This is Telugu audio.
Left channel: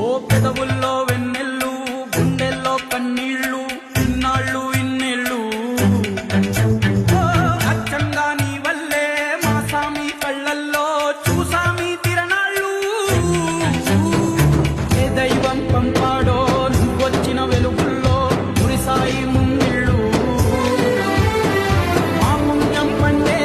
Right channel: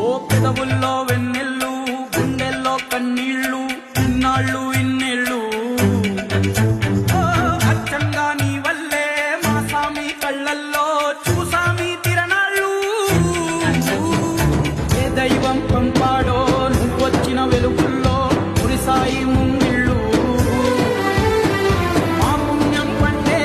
ఓ పెదవుల్లో వెన్నెల్లు గుండెల్లో కన్నీళ్ళు ఇన్నాళ్ళు ఇన్నేళ్ళు అచ్చంగా నీ వల్లే మా సామి కళ్ళల్లో చూసామి తిరణాళ్ళు ఏ దైవం పంపాడో నువ్వొచ్చిన వెలుగుల్లో మురిసాయి ముంగిళ్ళు మా పుణ్యం పండే